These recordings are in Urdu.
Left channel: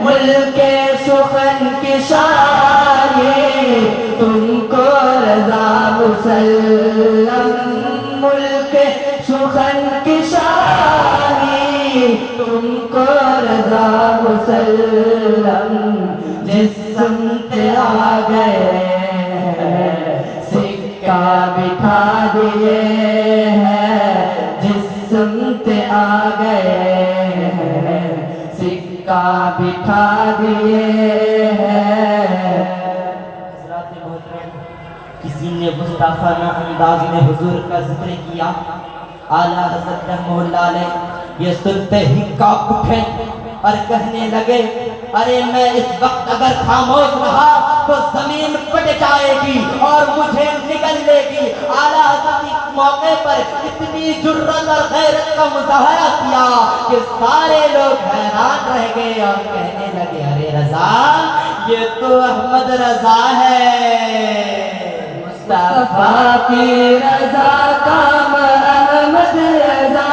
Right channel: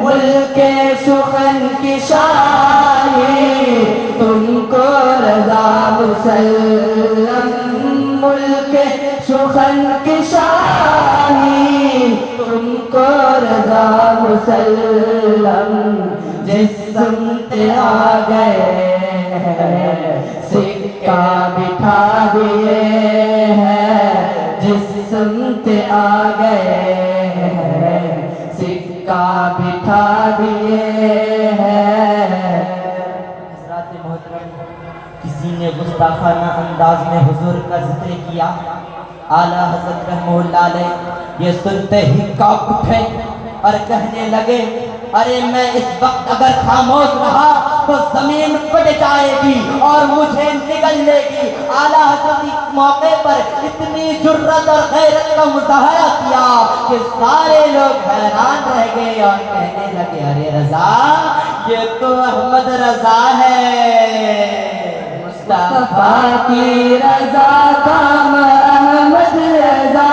ملک سخن کی شانی تم کو رضا مسلم، ملک سخن کی شانی تم کو رضا مسلم، جس سمت آ گئے سکہ بٹھا دیے ہیں، جس سمت آ گئے سکہ بٹھا دیے ہیں۔ حضرات محترم، کسی نے گستاخانہ انداز میں حضور کا ذکر کیا، اعلیٰ حضرت رحمہ اللہ علیہ یہ سنتے ہی کانپ اٹھے اور کہنے لگے ارے میں اس وقت اگر خاموش رہا تو زمین پھٹ جائے گی اور مجھے نگل لے گی۔ اعلیٰ حضرت اس موقع پر اتنی جرأت اور غیرت کا مظاہرہ کیا کہ سارے لوگ حیران رہ گئے اور کہنے لگے ارے رضا یہ تو احمد رضا ہے۔ مصطفیٰ کی رضا کام احمد رضا،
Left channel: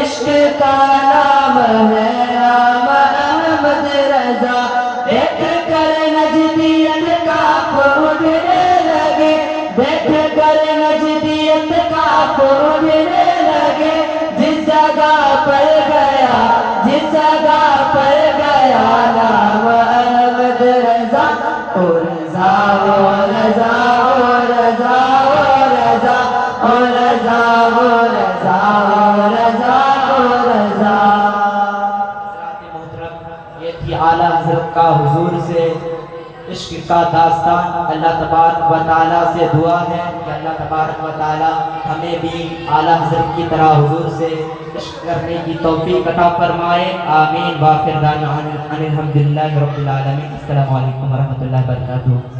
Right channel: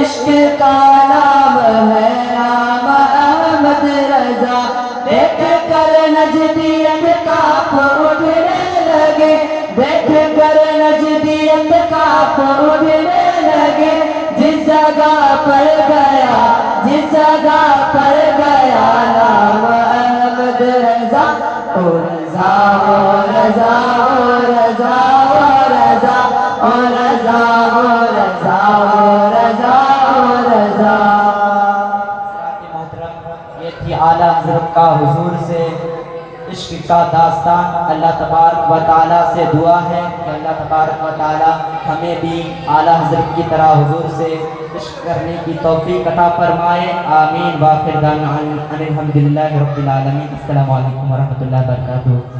عشق کا نام ہے نام احمد رضا، دیکھ کر نجدیت کانپ اٹھنے لگے، دیکھ کر نجدیت کانپ اٹھنے لگے، جس جگہ پر گیا جس جگہ پر گیا نام احمد رضا، او رضا او رضا او رضا او رضا او رضا او رضا او رضا او رضا۔ حضرات محترم، یہ تھی اعلیٰ حضرت کا حضور سے عشق کا داستان۔ اللہ تبارک و تعالیٰ سے دعا ہے کہ اللہ تبارک و تعالیٰ ہمیں بھی اعلیٰ حضرت کی طرح حضور سے عشق کرنے کی توفیق عطا فرمائے، آمین۔ وآخر دعوانا ان الحمدللہ رب العالمین۔ السلام علیکم ورحمۃ اللہ وبرکاتہ۔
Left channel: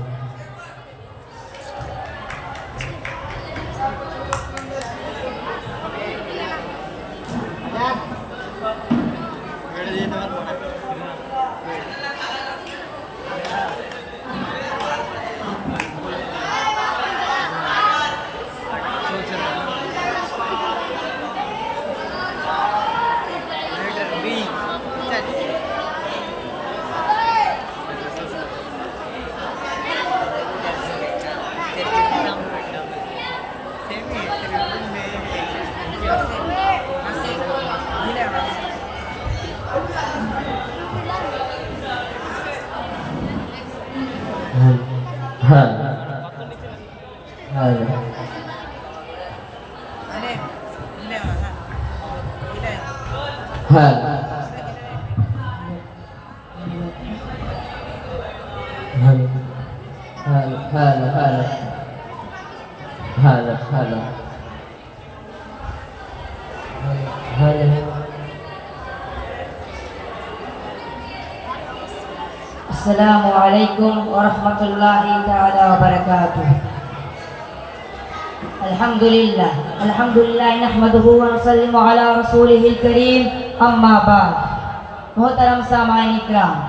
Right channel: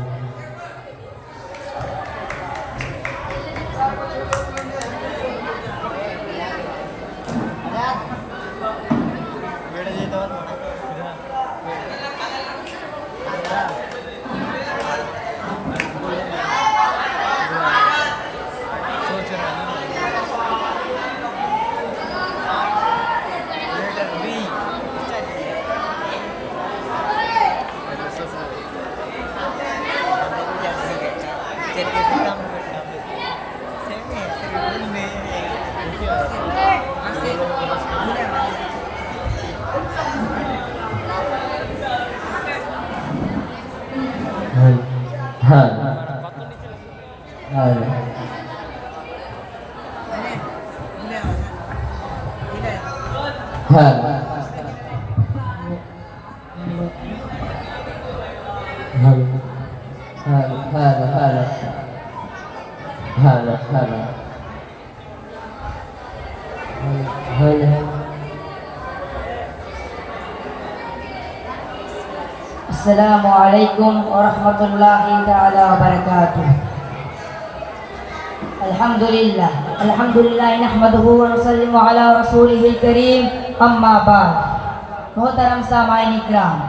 السلام علیکم ورحمۃ اللہ تعالی وبرکاتہ۔ الحمدللہ نحمدہ ونسلم علی رسولہ الکریم، اما بعد۔ محترم سامعین اکرام،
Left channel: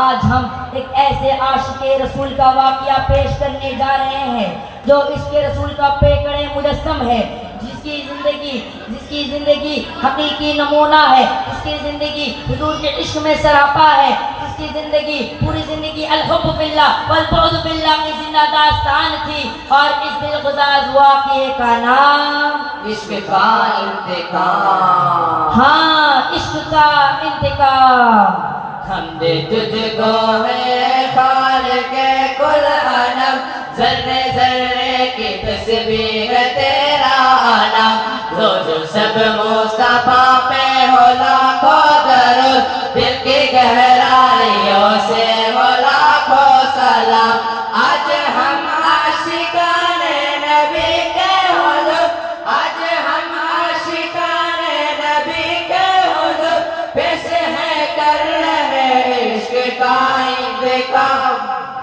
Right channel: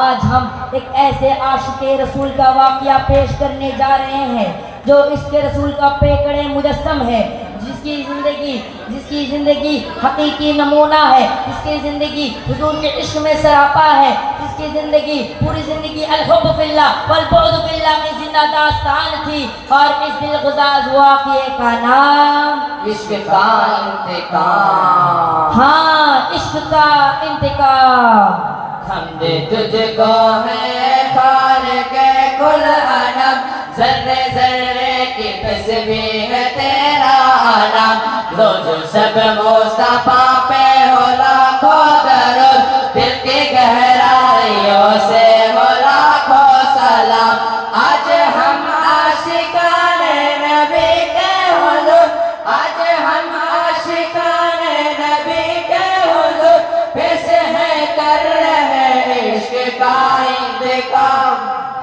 آج ہم ایک ایسے عاشق رسول کا واقعہ پیش کرنے جا رہے ہیں جو عشق رسول کا پیکڑ مجسم ہے، جس کی زندگی حقیقی نمونہ ہے، جس کی زندگی حضور کے عشق میں سراپا ہے، جس کی زندگی پوری زندگی الحب فی اللہ والبغض فی اللہ کی زندہ داستان تھی، اور اس دلغزاز واقعے کا نام عشق کا انتقام۔ ہاں، عشق کا انتقام۔ حمد تجھ کو ہے خالق کل عالم، ذرے ذرے کی تسبیح تیرا عالم، روز سب مصطفیٰ پہ ہو لاکھوں درود، دل کی گہرائیوں سے ہو لاکھوں سلام۔ آج ہم عاشقان نبی کے حضور، آج ہم عاشقان نبی کے حضور، پیش ہے کر رہے عشق کا انتقام۔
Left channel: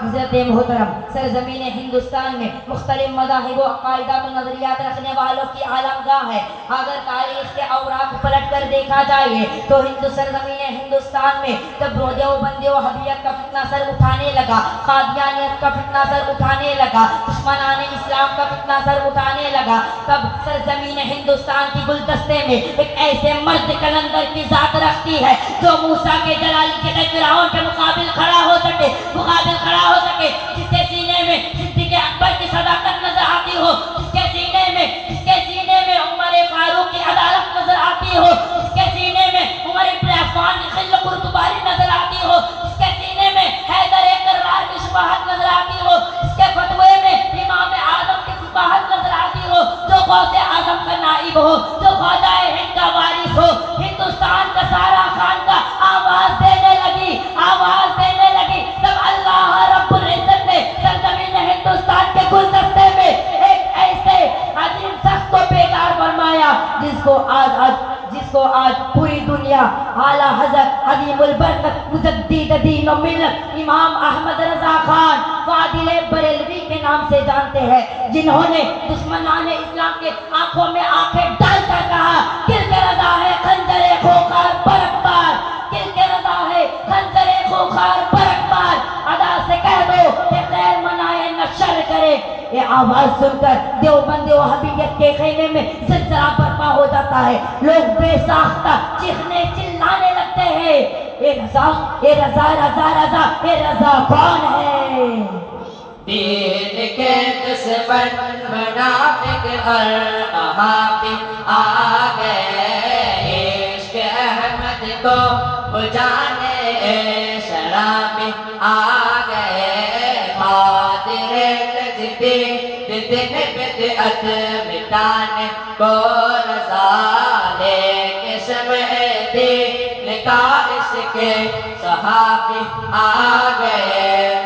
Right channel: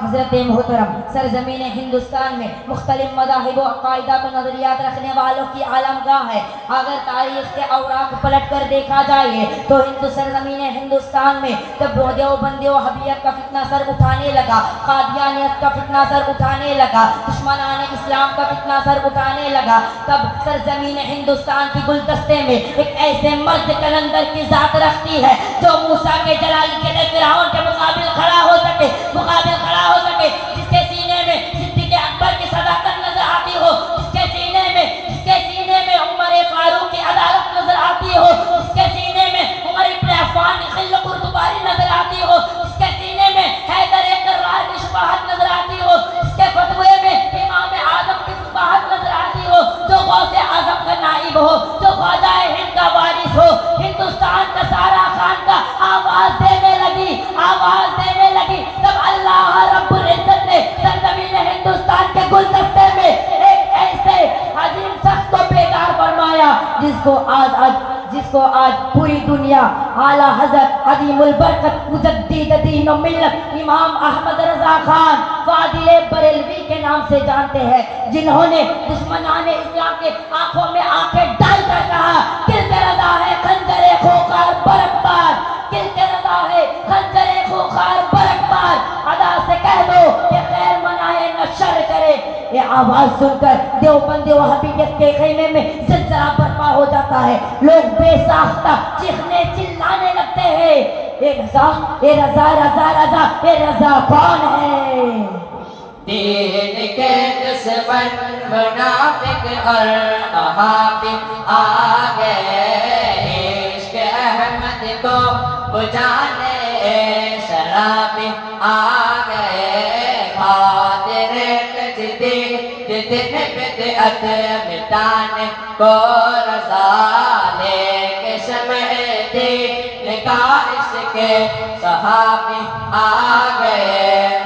حضرت محترم، سرزمین ہندوستان میں مختلف مذاہب و عقائدات و نظریات رکھنے والوں کی عالمگاہ ہے۔ اگر تاریخ کے اوراق پلٹ کر دیکھا جائے تو سرزمین ہندوستان میں جب دیوبندی و وہابیت کا فتنہ سر اٹھانے لگا، قادیانیت کا فتنہ سر اٹھانے لگا، دشمنان اسلام کا فتنہ سر اٹھانے لگا، تب سرزمین ہندوستان کی گلدستے میں ایک ایسے مرد کلندر کی ذات رکھتی ہے جو موسیٰ کے جلالی کے اعلیٰ حضرت عظیم البرکت مجدد دین و ملت امام احمد رضا خان فاضل بریلوی کے نام سے جانتے ہیں، جنہوں نے دشمنان اسلام کے آنکھوں میں آنکھیں ڈال کر کہا تلک رضا ہے خنجر خوخار برقبار، تلک رضا ہے خنجر خوخار برقبار، ادا سے کہہ دو کہ خیر منائے نہ شر کرے۔ یہ آواز سن کر دیوبند وہابیت کے خیمے میں زلزلہ برپا ہو جاتا ہے، لوگ بے ساختہ چیخنے چلانے لگتے ہیں، اے رضا اے رضا رضا رضا اے رضا کون ہے؟ دین کے دشمن منافق اور وہابی آ گئے، عشق احمد کو بجانے شرابی آ گئے، خاطر تجدید دن بدعت مٹانے کو رضا لے کے شمع دین کا عشق صحابی آ گئے۔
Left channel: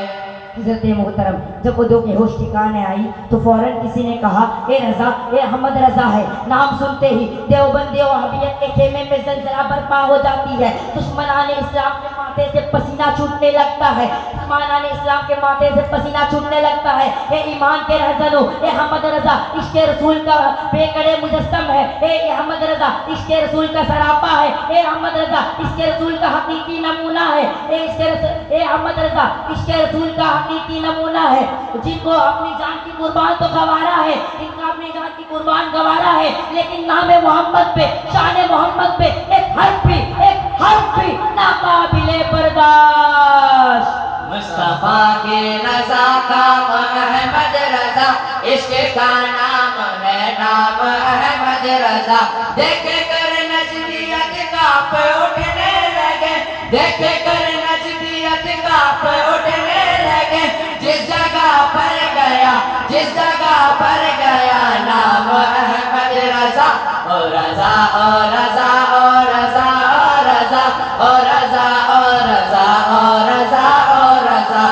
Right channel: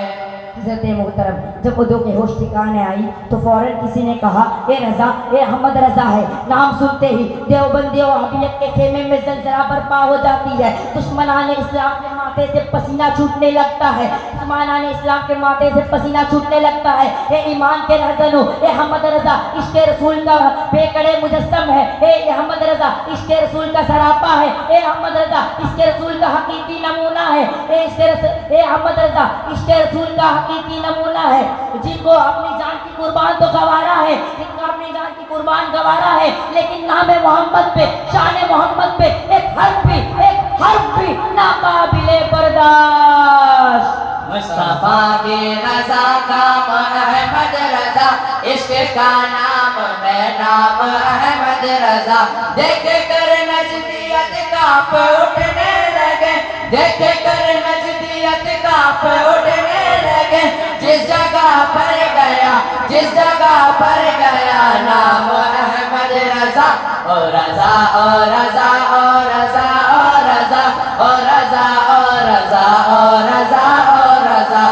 حضرت محترم جب ادو کے ہوش ٹھکانے آئی تو فوراً کسی نے کہا اے رضا اے احمد رضا ہے۔ نام سنتے ہی دیوبند وہابیت کے خیمے میں زلزلہ برپا ہو جاتی ہے، دشمنان اسلام کے ماتھے سے پسینہ چھوٹنے لگتا ہے، دشمنان اسلام کے ماتھے سے پسینہ چھوٹنے لگتا ہے۔ اے ایمان کے رہزنوں، اے احمد رضا عشق رسول کا بیکڑے مجسم ہے، اے احمد رضا عشق رسول کا سراپا ہے، اے احمد رضا عشق رسول کا حقیقی نمونہ ہے، اے احمد رضا عشق رسول کا حقیقی نمونہ ہے، جن کو اپنی جان کی قربان تو گوارا ہے، جن کا اپنی جان کی قربان گوارا ہے، لیکن نام محمد پہ شان محمد پہ ایک حرف بھی ناقابل برداشت۔ مصطفیٰ کی رضا کام احمد رضا، عشق کا نام ہے نام احمد رضا، دیکھ کر نجدیت کانپ اٹھنے لگے، دیکھ کر نجدیت کانپ اٹھنے لگے، جس جگہ پر گیا جس جگہ پر گیا نام احمد رضا، او رضا او رضا او رضا او رضا او رضا او رضا او رضا او رضا۔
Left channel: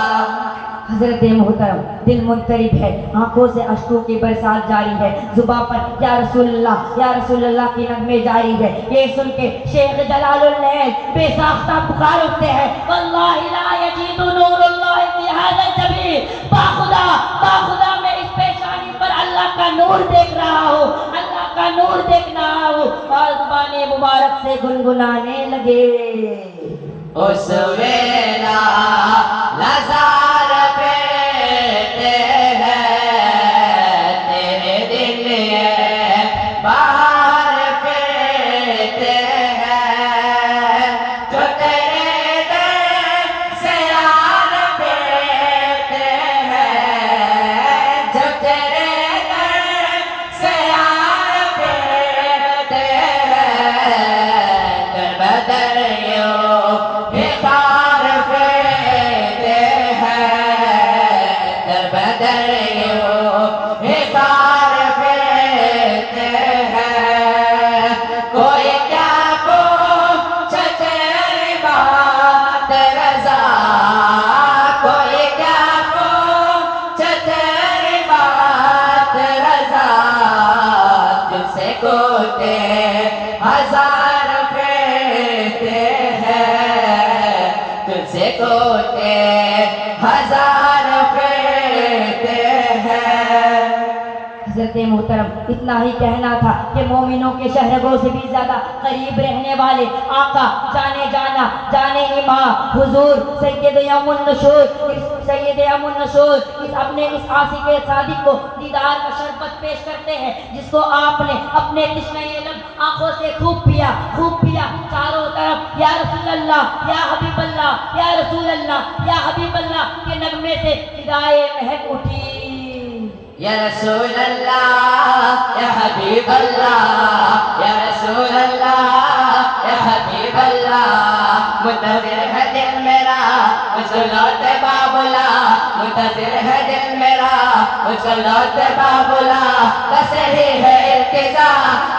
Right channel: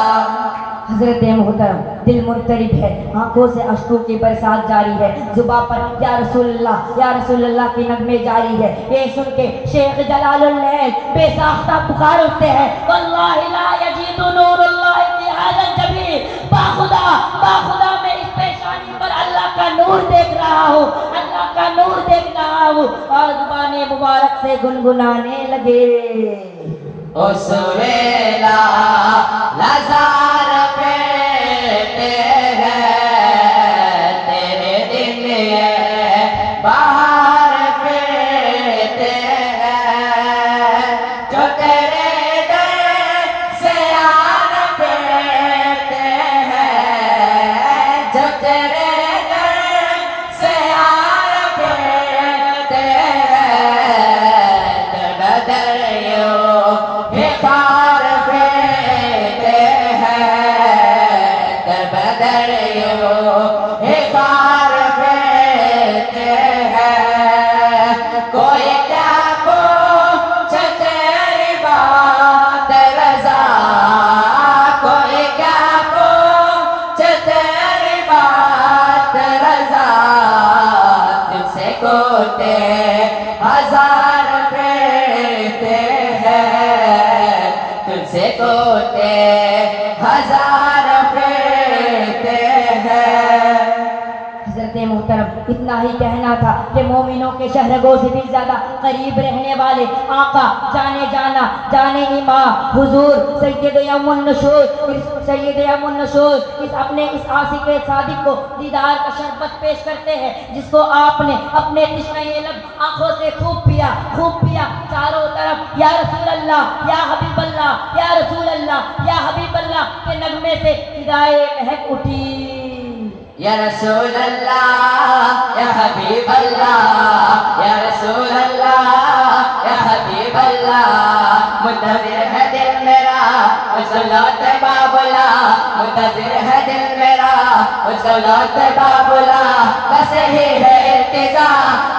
حضرت محترم دل منقلب ہے، آنکھوں سے اشکوں کی برسات جاری ہے، زباں پر یا رسول اللہ کی نغمے جاری ہے۔ یہ سن کے شیخ جلال العین بے ساختہ پکار اٹھتے ہیں، واللہ لا یجید نور اللہ فی ھذا الجبین، باخدا میں اس پیشانی پر اللہ کا نور دیکھ رہا ہوں، اللہ کا نور دیکھ رہا ہوں، اور زبان مبارک سے گنگنانے لگے۔ اس ویلا لزار پیتے ہیں، تیرے دل یہ باہر پھرتے ہیں، جو تیرے در سے آر پھرتے ہیں، جو تیرے در سے آر پھرتے ہیں، در بدر یوں بخار پھرتے ہیں، در بدر یوں بخار پھرتے ہیں، کوئی کیا پوچھے تیری بات رضا، کوئی کیا پوچھے تیری بات رضا، تجھ سے کوتے ہزار پھرتے ہیں، تجھ سے کوتے ہزار پھرتے ہیں۔ حضرت محترم اتنا ہی کہنا تھا کہ مومنوں کے شہرگوں سے بھی زیادہ قریب رہنے والے آقا جانے جانا جانے امام حضور سید یم النشور اس اپنے اس عاشق صادق کو دیدار کا شربت پیش کرتے ہیں، جس کو آپ نے اپنے تشنہ لب آنکھوں سے خوب پیا چاروں طرف یا رسول اللہ یا حبیب اللہ یا رسول اللہ یا حبیب اللہ کے نغمے سے فدائے مہک اٹھی۔ یا رسول اللہ یا حبیب اللہ یا رسول اللہ یا حبیب اللہ، منتظر ہے دل میرا مجھ کو لوٹ بابلا، منتظر ہے دل میرا مجھ کو لوٹ بابلا، بس ہی ہے التجا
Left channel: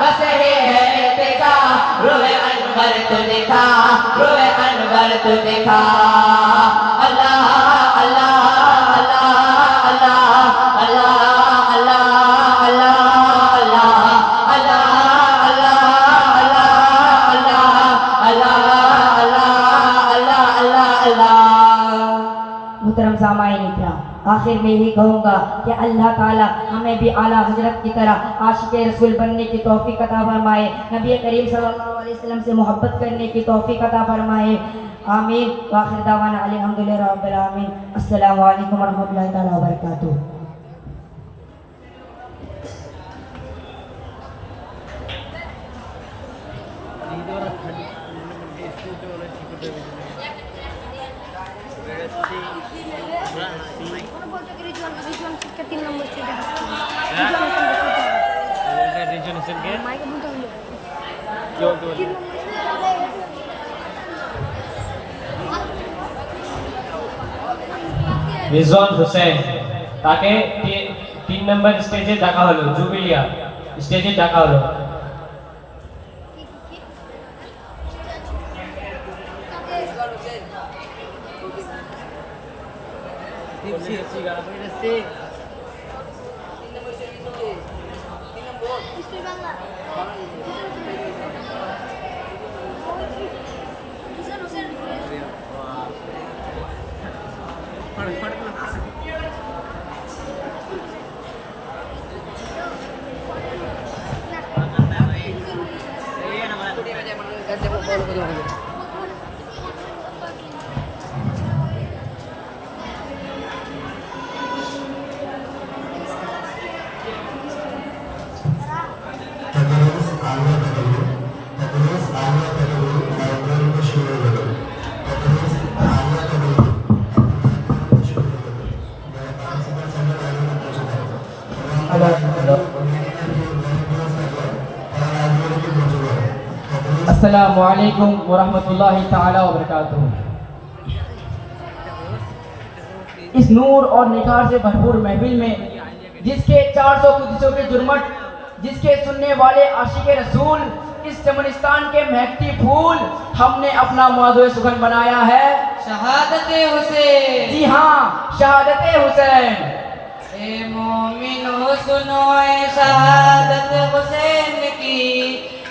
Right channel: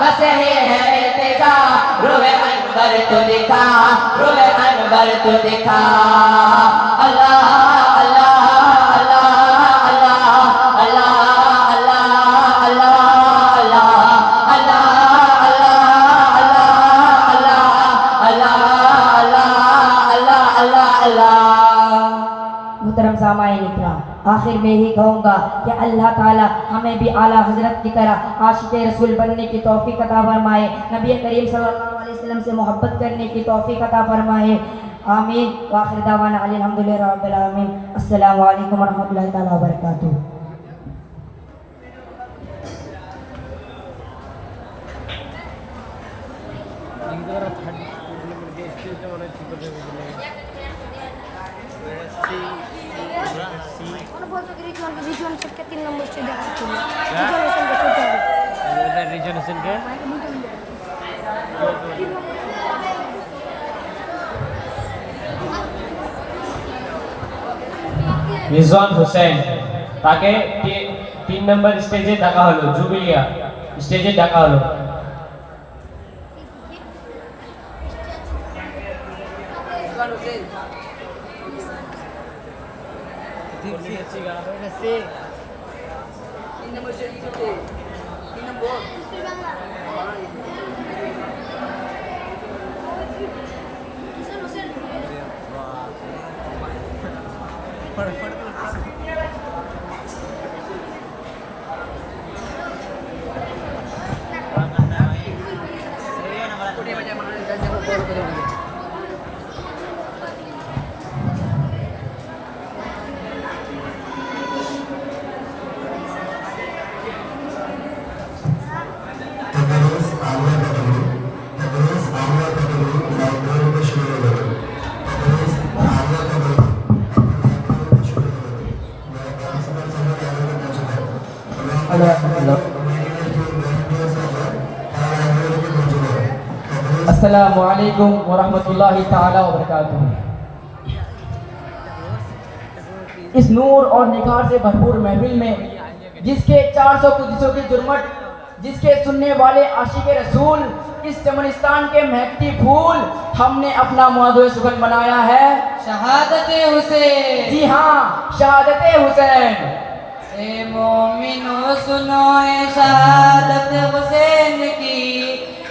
بس ہی ہے التجا، روح انور تو دکھا روح انور تو دکھا، اللہ اللہ محترم سامعین اکرام، آخر میں یہ کہوں گا کہ اللہ تعالی ہمیں بھی اعلیٰ حضرت کی طرح عاشق رسول بننے کی توفیق عطا فرمائے، نبی کریم صلی اللہ علیہ وسلم سے محبت کرنے کی توفیق عطا فرمائے، آمین۔ وآخر دعوانا الحمدللہ رب العالمین۔ السلام علیکم ورحمۃ اللہ تعالی وبرکاتہ۔ রিজওয়ান হোসেন, তাকে 3 নম্বর স্টেজে ডাকা হলো, জুবিলিয়া স্টেজে ডাকা হলো। السلام علیکم ورحمۃ اللہ تعالی وبرکاتہ۔ اس نور اور نکھار سے بھرپور محفل میں جس کے 400 قدسوں کے جرمٹ، جس کے سننے والے عاشق رسول، اس چمنستان کے مہکتی پھول، ہم نے اپنا موضوع سخن بنایا ہے شہادت حسین۔ جی ہاں، شہادت حسین۔ اے مومنو سنو اے شہادت حسین کی،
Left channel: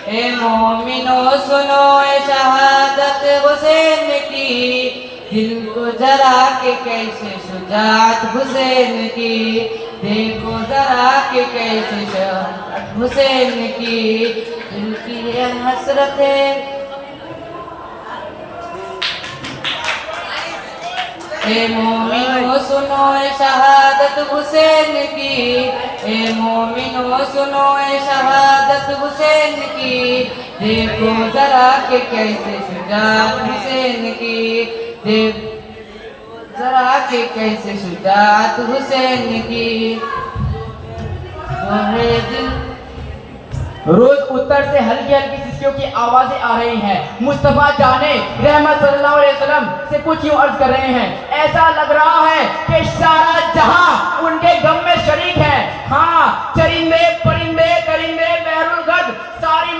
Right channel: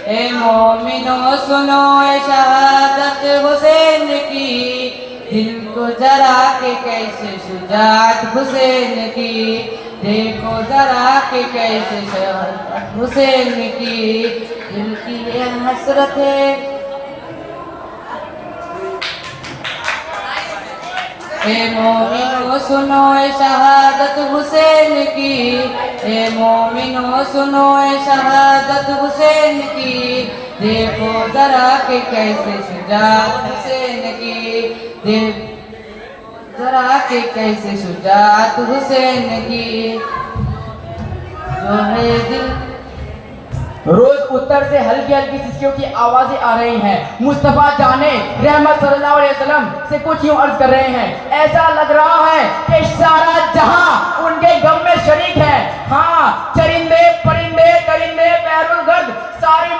اے مومنو سنو اے شہادت حسین کی، دیکھو ذرا کہ کیسے شجاعت حسین کی، دیکھو ذرا کہ کیسے شجاعت حسین کی، دل کی یہ حسرت ہے۔ اے مومنو سنو اے شہادت حسین کی، اے مومنو سنو اے شہادت حسین کی، دیکھو ذرا کہ کیسے شجاعت حسین کی، دیکھو ذرا کہ کیسے شجاعت حسین کی، جو ہے دل۔ روز اتر سے ہلکی ہلکی سسکیوں کی آوازیں آ رہی ہیں، مصطفیٰ جانے رحمت صلی اللہ علیہ وسلم سے کچھ یوں عرض کر رہے ہیں، ایسا لگ رہا ہے کہ سارا جہاں ان کے غم میں شریک ہے۔ ہاں، چرندے پرندے درندے بحر الگرد، ساری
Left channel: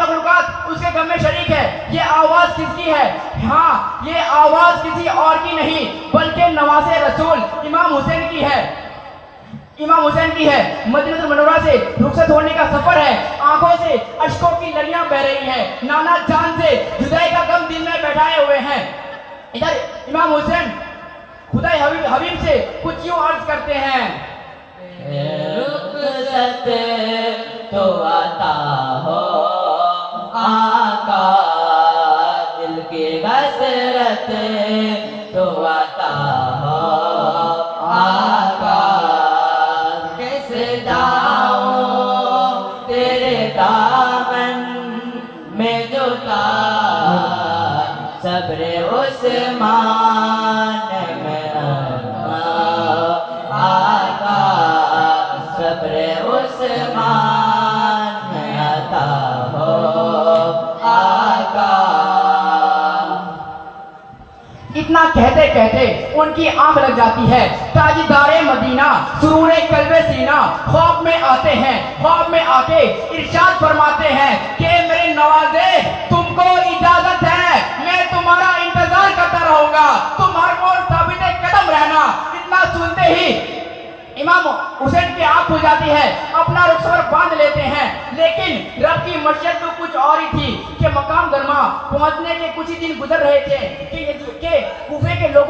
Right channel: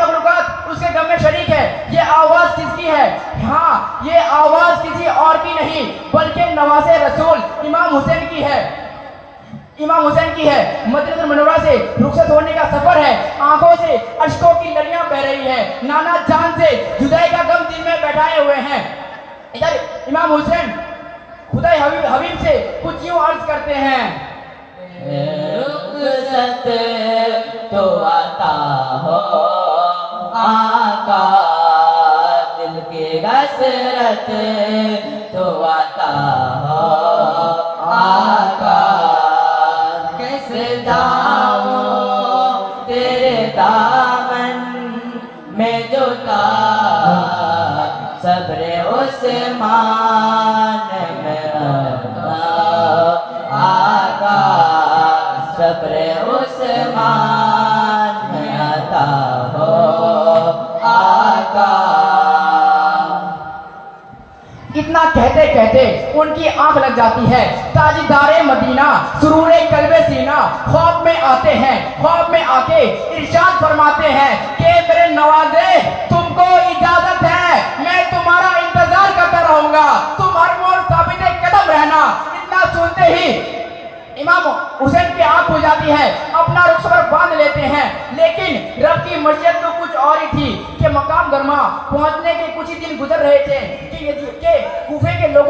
مخلوقات اس کے غم میں شریک ہے۔ یہ آواز کس کی ہے؟ ہاں، یہ آواز کسی اور کی نہیں بلکہ نواز رسول امام حسین کی ہے، امام حسین کی ہے۔ مدینہ المنورہ سے رخصت ہونے کا سفر ہے، آنکھوں سے اشکوں کی لڑیاں بہ رہی ہیں، نانا جان سے جدائی کا غم دل میں بیٹھائے ہوئے ہیں۔ ادھر امام حسین خدا حبیب سے کچھ یوں عرض کرتے ہیں، رخصت تو عطا ہو آقا، دل کی حسرت تو عطا ہو آقا، کیسے جاؤں تیرے دامن میں جوتا، صبر عثمان میں عطا آقا، صبر عثمان میں عطا ہو آقا۔ اتنا کہتے کہتے ان کی آنکھ لگ جاتی ہے۔ تاجدار مدینہ سرور قلب سینہ خواب میں آتے ہیں، خواب میں آ کے ارشاد فرماتے ہیں کہ میرے نوازے تم کو اجازت ہے، میں تمہارا انتظار کرتا رہوں گا، تم ہر موڑ ثابت قدم رہنا۔ اتنا سنتے ہی امام حسین کی آنکھ کھل جاتی ہے، اپنا رخسور باندھ لیتے ہیں، لیکن رب کی مشیت تو کچھ اور ہی تھی کہ مقام گرما پہنچنے کے کچھ ہی دن گزر رہے تھے کہ کوفے کے لوگوں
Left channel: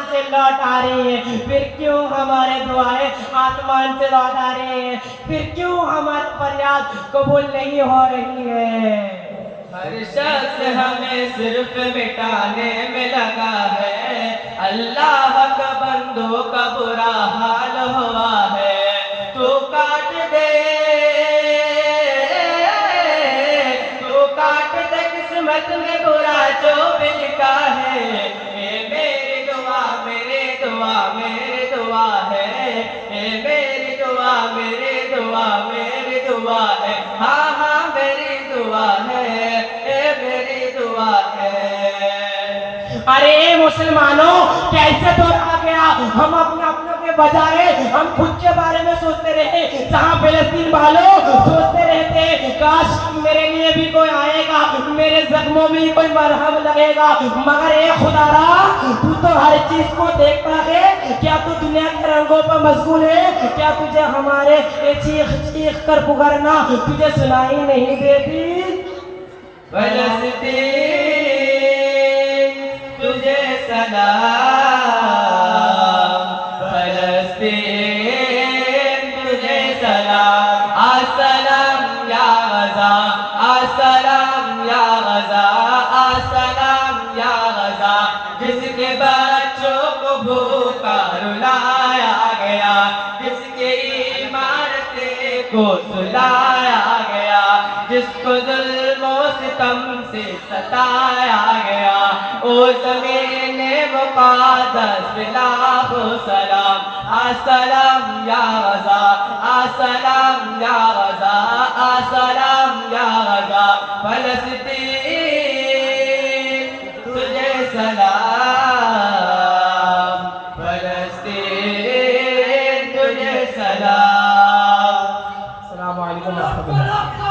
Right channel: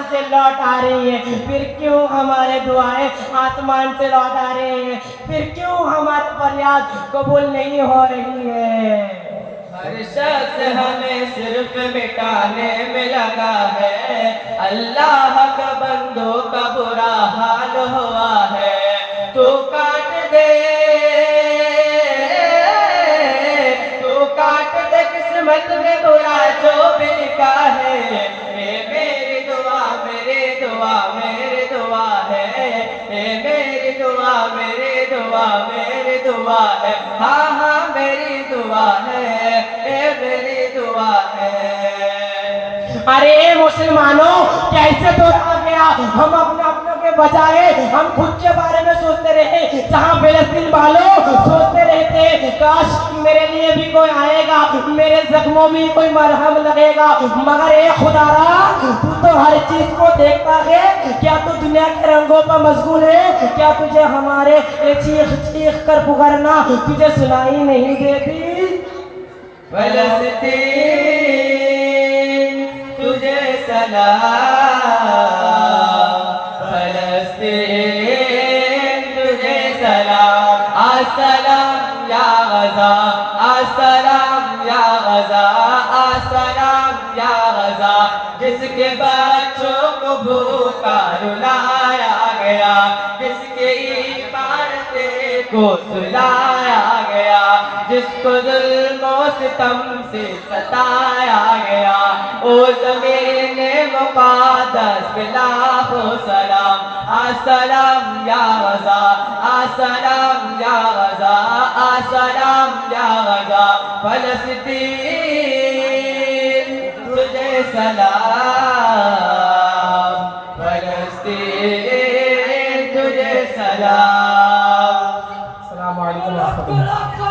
آسمان سے لوٹ آ رہی ہیں، پھر کیوں ہمارے دعائیں آسمان سے لوٹ آ رہی ہیں، پھر کیوں ہماری فریاد قبول نہیں ہو رہی ہے؟ ہر شخص ہمیں صرف مٹانے میں لگا ہے، اللہ کا بندوں کا برا حال ہوا ہے، تو کاٹ دے قسمت میں برا جو بھی لکھا ہے، یہ میری دعا میری دعا میری دعا ہے، یہ میری دعا میری دعا میری دعا ہے، ہاں ہاں میری دعا ہے، یہ میری دعا ہے۔ ارے اے مسلمانوں، کیسے دور آ گیا؟ ہم اپنے کے بجائے ہم خود کے بارے میں سوچتے رہے، جہاں فلسطین والوں سوچتے رہتے کاش میرے لیے بھی کوئی آئے گا، میرے زخموں میں کوئی مرہم لگے گا، مگر اے خدا را، تو تو ہر چیز کو دیکھتا ہے، کیا تو دنیا کے رنگوں پر مشغول ہے؟ کیا تجھے ہمارے چیخ چیخ کر پکارنا تجھے سنائی نہیں دیتی؟ فلسطین تجھے سلام، فلسطین تجھے سلام، السلام یا غزہ، السلام یا غزہ، السلام یا غزہ، جس کے بچوں کو بھوکا رلایا گیا، جس کے عمارتیں کو سلایا گیا، جس کو ظلم و ستم سے ستایا گیا، او زمین مقدس بلاخو سلام، السلام یا غزہ، السلام یا غزہ، السلام یا غزہ، فلسطین تجھے سلام، فلسطین تجھے سلام۔ السلام علیکم ورحمۃ اللہ۔